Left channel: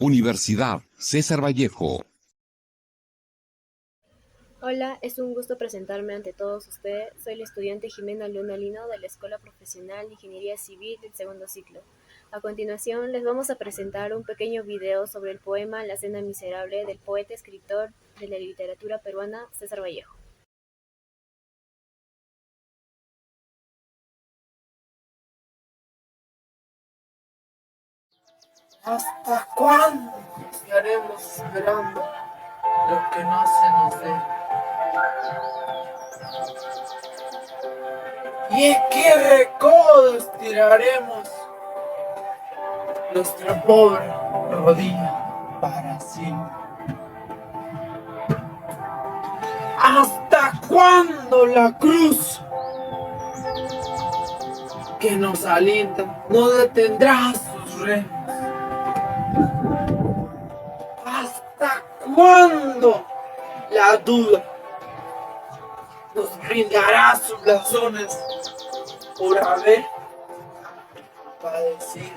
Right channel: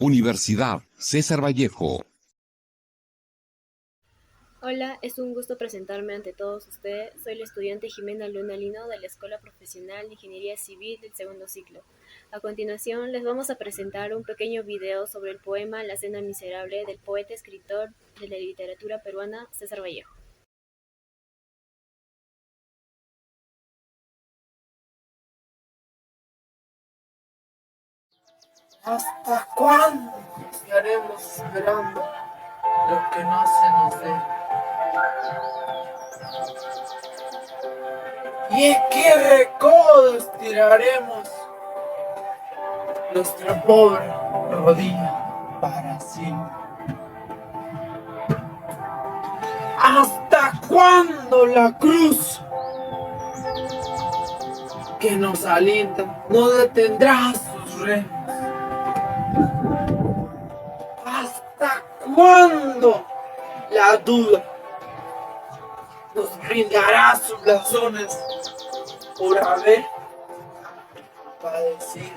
Universidad César Vallejo. Hola, es un gusto presentarme ante todos ustedes. Soy la estudiante Jimena Luna Lino de la Escuela Profesional de Ingeniería Civil del segundo ciclo. A continuación, les vamos a presentar un pequeño video sobre el poema La Cena Miserable del poeta escritor de la literatura peruana César Vallejo. ¿Hasta cuándo estaremos esperando lo que no se nos dé? ¿Y en qué recodo estiraremos nuestra pobre rodilla para siempre? ¿Hasta cuándo la cruz que nos alienta no detendrá sus remos? ¿Hasta cuándo la duda nos brindará sus blasones por haber padecido?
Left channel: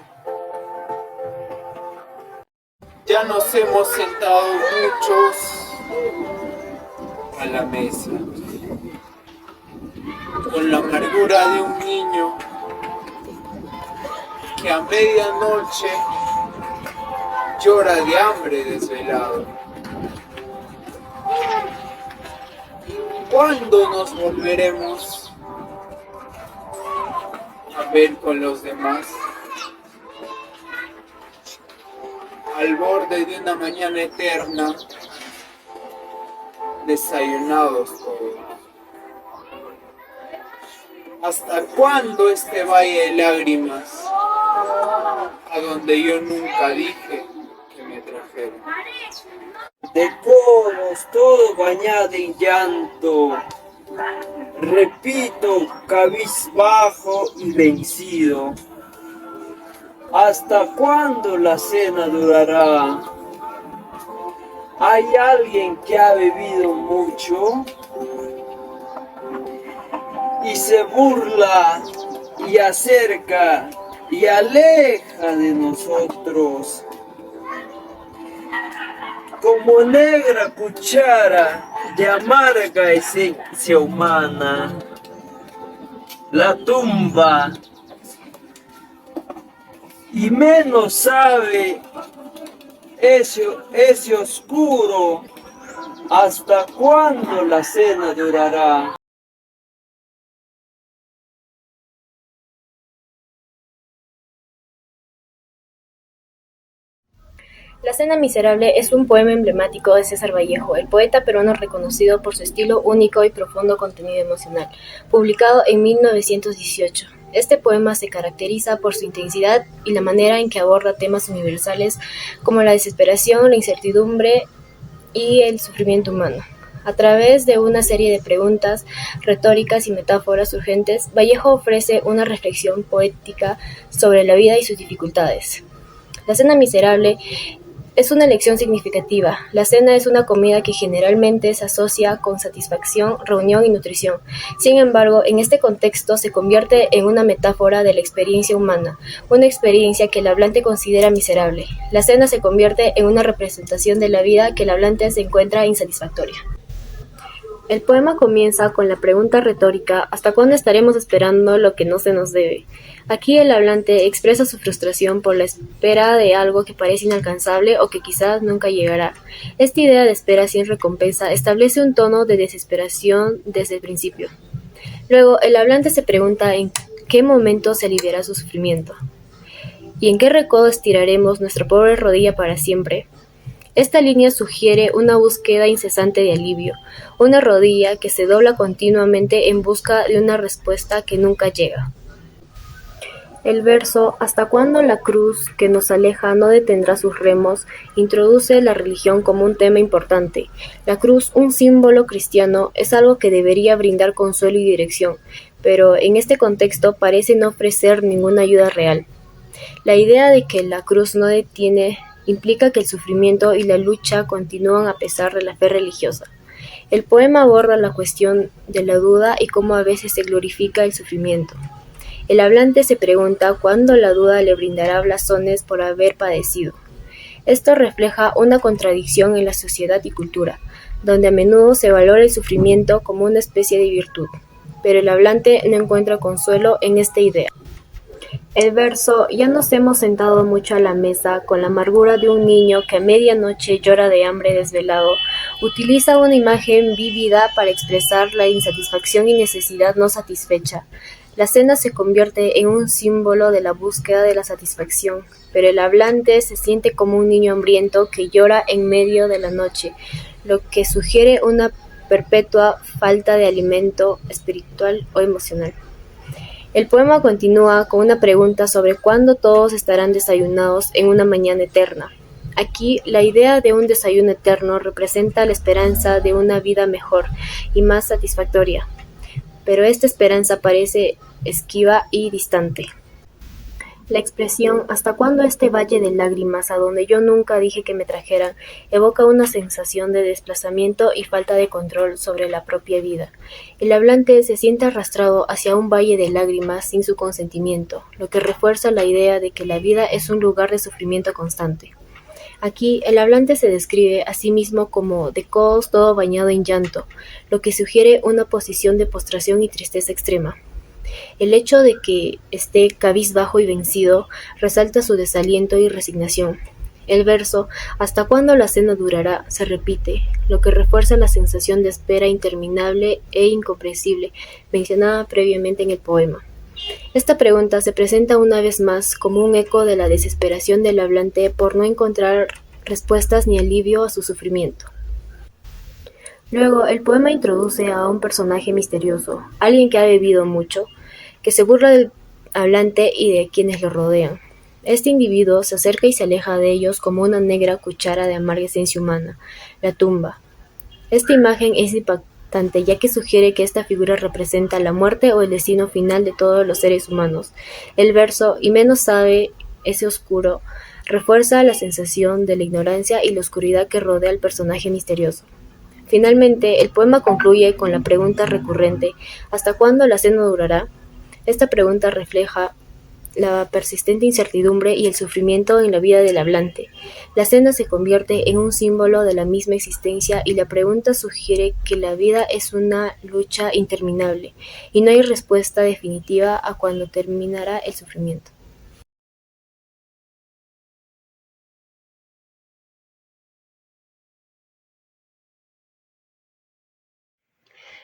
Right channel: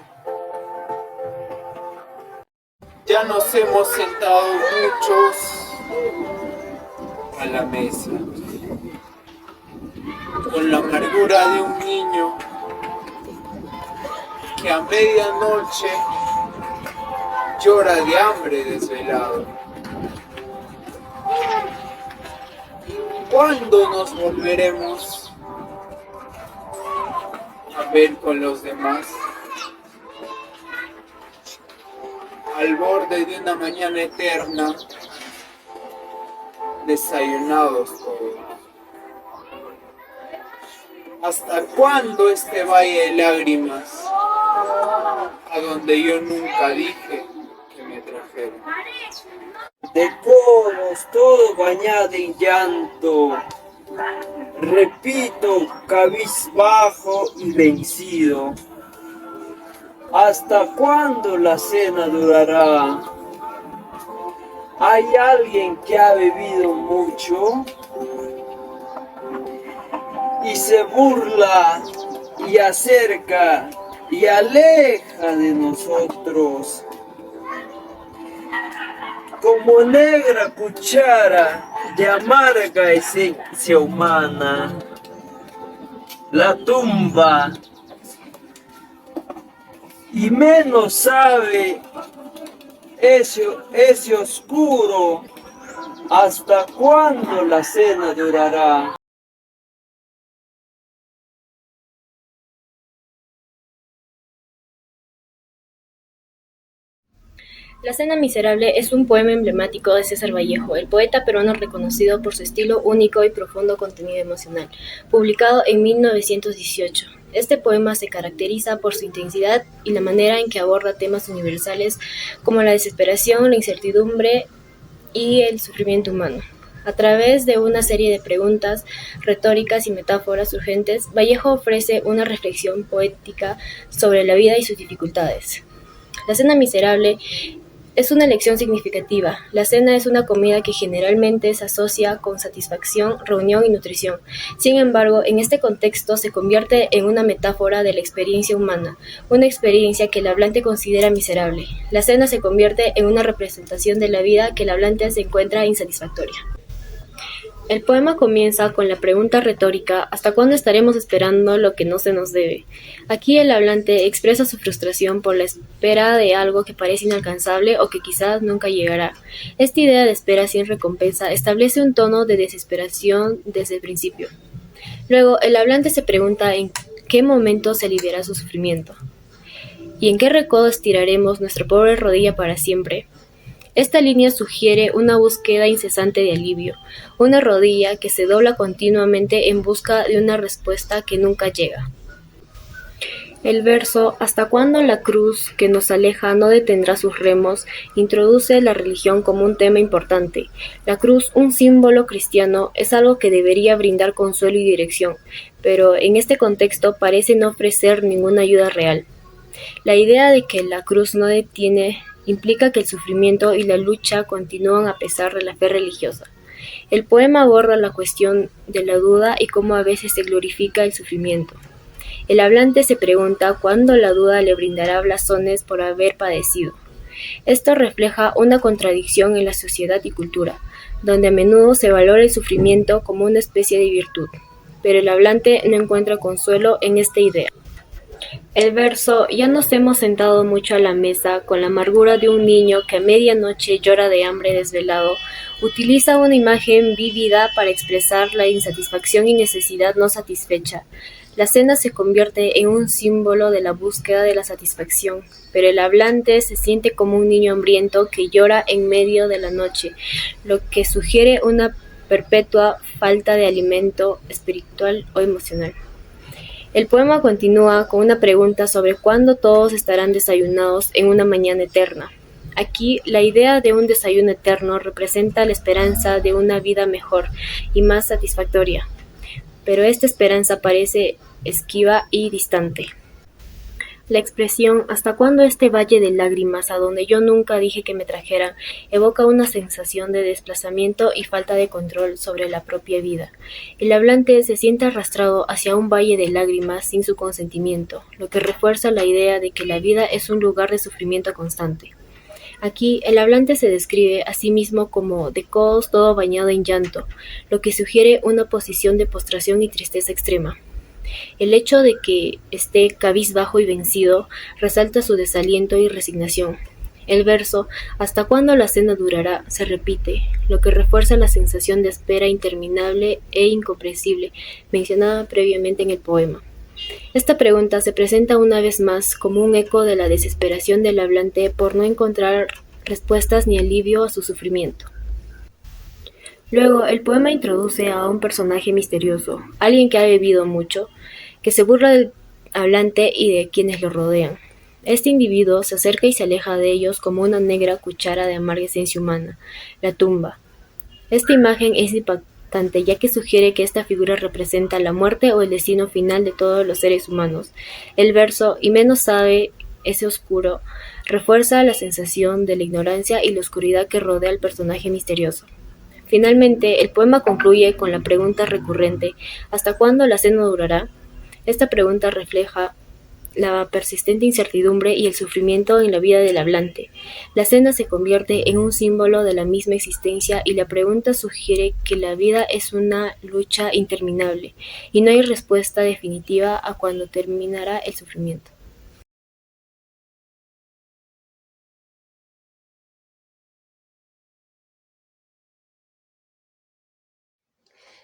Ya nos hemos sentado muchos a la mesa con la amargura de un niño que a medianoche llora de hambre desvelado. ¿Cuándo nos volveremos a ver con los demás? Al borde de una mañana eterna, desayunados todos. ¿Hasta cuándo este valle de lágrimas, a donde yo nunca dije que me trajeron? De codos, todo bañado en llanto, repito, cabizbajo y vencido. ¿Hasta cuándo la cena durará? ¿Hay alguien que ha bebido mucho y se burla y acerca y aleja de nosotros? Como negra cuchara de amarga esencia humana, la tumba y menos sabe ese oscuro. ¿Hasta cuándo la cena durará? La Cena Miserable es un poema emblemático de César Vallejo, el poeta peruano reconocido por su estilo único y profundo contenido emocional, publicado en 1918. Este poema se caracteriza por su intensidad y la manera en que aborda temas universales como la desesperación, la incertidumbre y el sufrimiento humano. A través de una serie de preguntas retóricas y metáforas urgentes, Vallejo ofrece una reflexión poética sobre la vida y sus dificultades. La Cena Miserable es una elección significativa. La cena es una comida que generalmente se asocia con satisfacción, reunión y nutrición. Sin embargo, en este contexto se convierte en una metáfora de la experiencia humana, una experiencia que el hablante considera miserable. La cena se convierte en una representación de la vida que el hablante se encuentra insatisfactoria. El poema comienza con la pregunta retórica ¿hasta cuándo estaremos esperando lo que no se nos debe? Aquí el hablante expresa su frustración por la espera de algo que parece inalcanzable o que quizás nunca llegará. Esta idea de espera sin recompensa establece un tono de desesperación desde el principio. Luego, el hablante se pregunta en qué momento se aliviará su sufrimiento. ¿Y en qué recodo estiraremos nuestra pobre rodilla para siempre? Esta línea sugiere una búsqueda incesante de alivio, una rodilla que se dobla continuamente en busca de una respuesta que nunca llega. El verso ¿hasta cuándo la cruz que nos aleja no detendrá sus remos? Introduce la religión como un tema importante. La cruz, un símbolo cristiano, es algo que debería brindar consuelo y dirección, pero en este contexto parece no ofrecer ninguna ayuda real. La idea de que la cruz no detiene implica que el sufrimiento y la lucha continúan a pesar de la fe religiosa. El poema aborda la cuestión de la duda y cómo a veces se glorifica el sufrimiento. El hablante se pregunta cuándo la duda le brindará blasones por haber padecido. Esto refleja una contradicción en la sociedad y cultura, donde a menudo se valora el sufrimiento como una especie de virtud, pero el hablante no encuentra consuelo en esta idea. El verso "Ya nos hemos sentado mucho a la mesa con la amargura de un niño que a medianoche llora de hambre desvelado" utiliza una imagen vívida para expresar la insatisfacción y necesidad no satisfecha. La cena se convierte en un símbolo de la búsqueda de la satisfacción, pero el hablante se siente como un niño hambriento que llora en medio de la noche, lo que sugiere una perpetua falta de alimento espiritual o emocional. El poema continúa con una pregunta sobre cuándo todos estarán desayunados en una mañana eterna. Aquí, la idea de un desayuno eterno representa la esperanza de una vida mejor y más satisfactoria, pero esta esperanza parece esquiva y distante. La expresión "¿hasta cuándo este valle de lágrimas a donde yo nunca dije que me trajeran?" evoca una sensación de desplazamiento y falta de control sobre la propia vida. El hablante se siente arrastrado hacia un valle de lágrimas sin su consentimiento, lo que refuerza la idea de que la vida es un lugar de sufrimiento constante. Aquí, el hablante se describe a sí mismo como de codos todo bañado en llanto, lo que sugiere una posición de postración y tristeza extrema. El hecho de que esté cabizbajo y vencido resalta su desaliento y resignación. El verso "¿Hasta cuándo la cena durará?" se repite, lo que refuerza la sensación de espera interminable e incomprensible mencionada previamente en el poema. Esta pregunta se presenta una vez más como un eco de la desesperación del hablante por no encontrar respuestas ni alivio a su sufrimiento. Luego, el poema introduce a un personaje misterioso, alguien que ha bebido mucho, que se burla del hablante y de quienes lo rodean. Este individuo se acerca y se aleja de ellos como una negra cuchara de amarga esencia humana, la tumba. Esta imagen es impactante ya que sugiere que esta figura representa la muerte o el destino final de todos los seres humanos. El verso "y menos sabe ese oscuro" refuerza la sensación de la ignorancia y la oscuridad que rodea al personaje misterioso. Finalmente, el poema concluye con la pregunta recurrente "¿hasta cuándo la cena durará?". Esta pregunta refleja la persistente incertidumbre y el sufrimiento en la vida del hablante. La cena se convierte en un símbolo de la misma existencia y la pregunta sugiere que la vida es una lucha interminable y no hay respuesta definitiva a cuándo terminará el sufrimiento.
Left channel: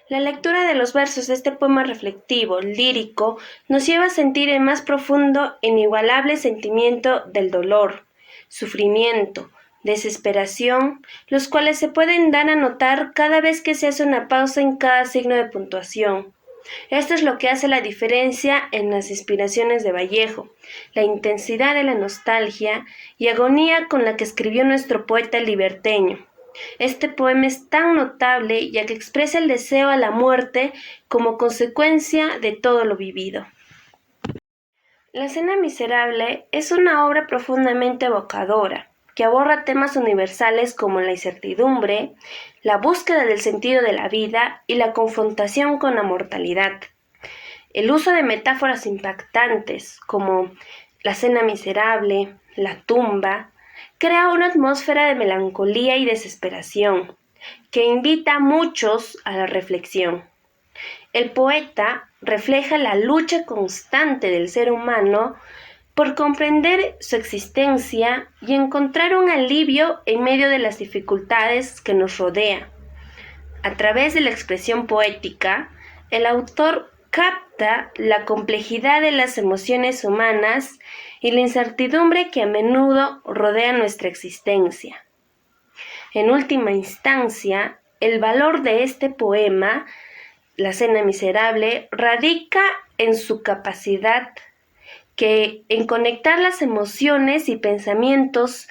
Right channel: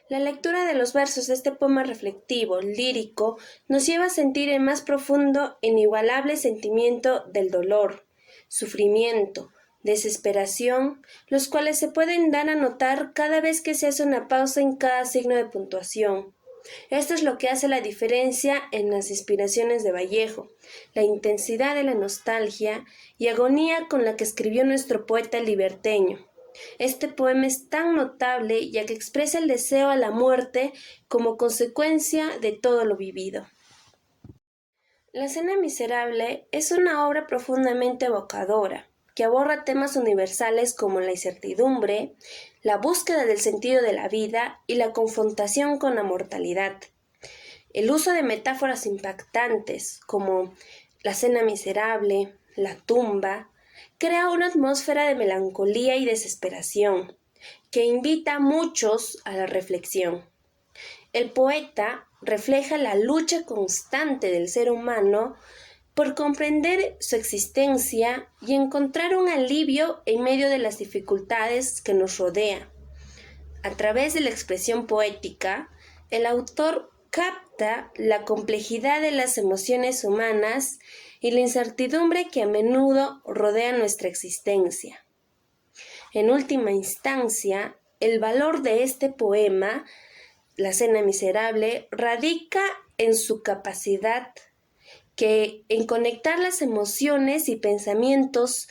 La lectura de los versos de este poema reflexivo, lírico, nos lleva a sentir el más profundo e inigualable sentimiento del dolor, sufrimiento, desesperación, los cuales se pueden dar a notar cada vez que se hace una pausa en cada signo de puntuación. Esto es lo que hace la diferencia en las inspiraciones de Vallejo, la intensidad de la nostalgia y agonía con la que escribió nuestro poeta liberteño. Este poema es tan notable ya que expresa el deseo a la muerte como consecuencia de todo lo vivido. La Cena Miserable es una obra profundamente evocadora, que aborda temas universales como la incertidumbre, la búsqueda del sentido de la vida y la confrontación con la mortalidad. El uso de metáforas impactantes como la cena miserable, la tumba, crea una atmósfera de melancolía y desesperación que invita a muchos a la reflexión. El poeta refleja la lucha constante del ser humano por comprender su existencia y encontrar un alivio en medio de las dificultades que nos rodean. A través de la expresión poética, el autor capta la complejidad de las emociones humanas y la incertidumbre que a menudo rodea nuestra existencia. En última instancia, el valor de este poema, La Cena Miserable, radica en su capacidad en conectar las emociones y pensamientos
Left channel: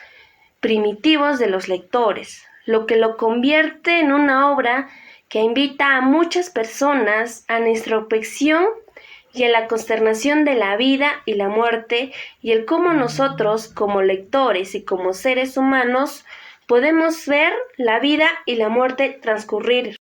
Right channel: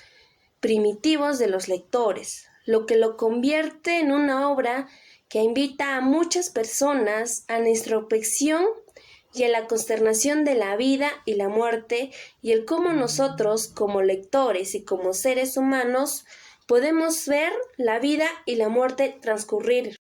primitivos de los lectores, lo que lo convierte en una obra que invita a muchas personas a la introspección y a la consternación de la vida y la muerte y el cómo nosotros, como lectores y como seres humanos, podemos ver la vida y la muerte transcurrir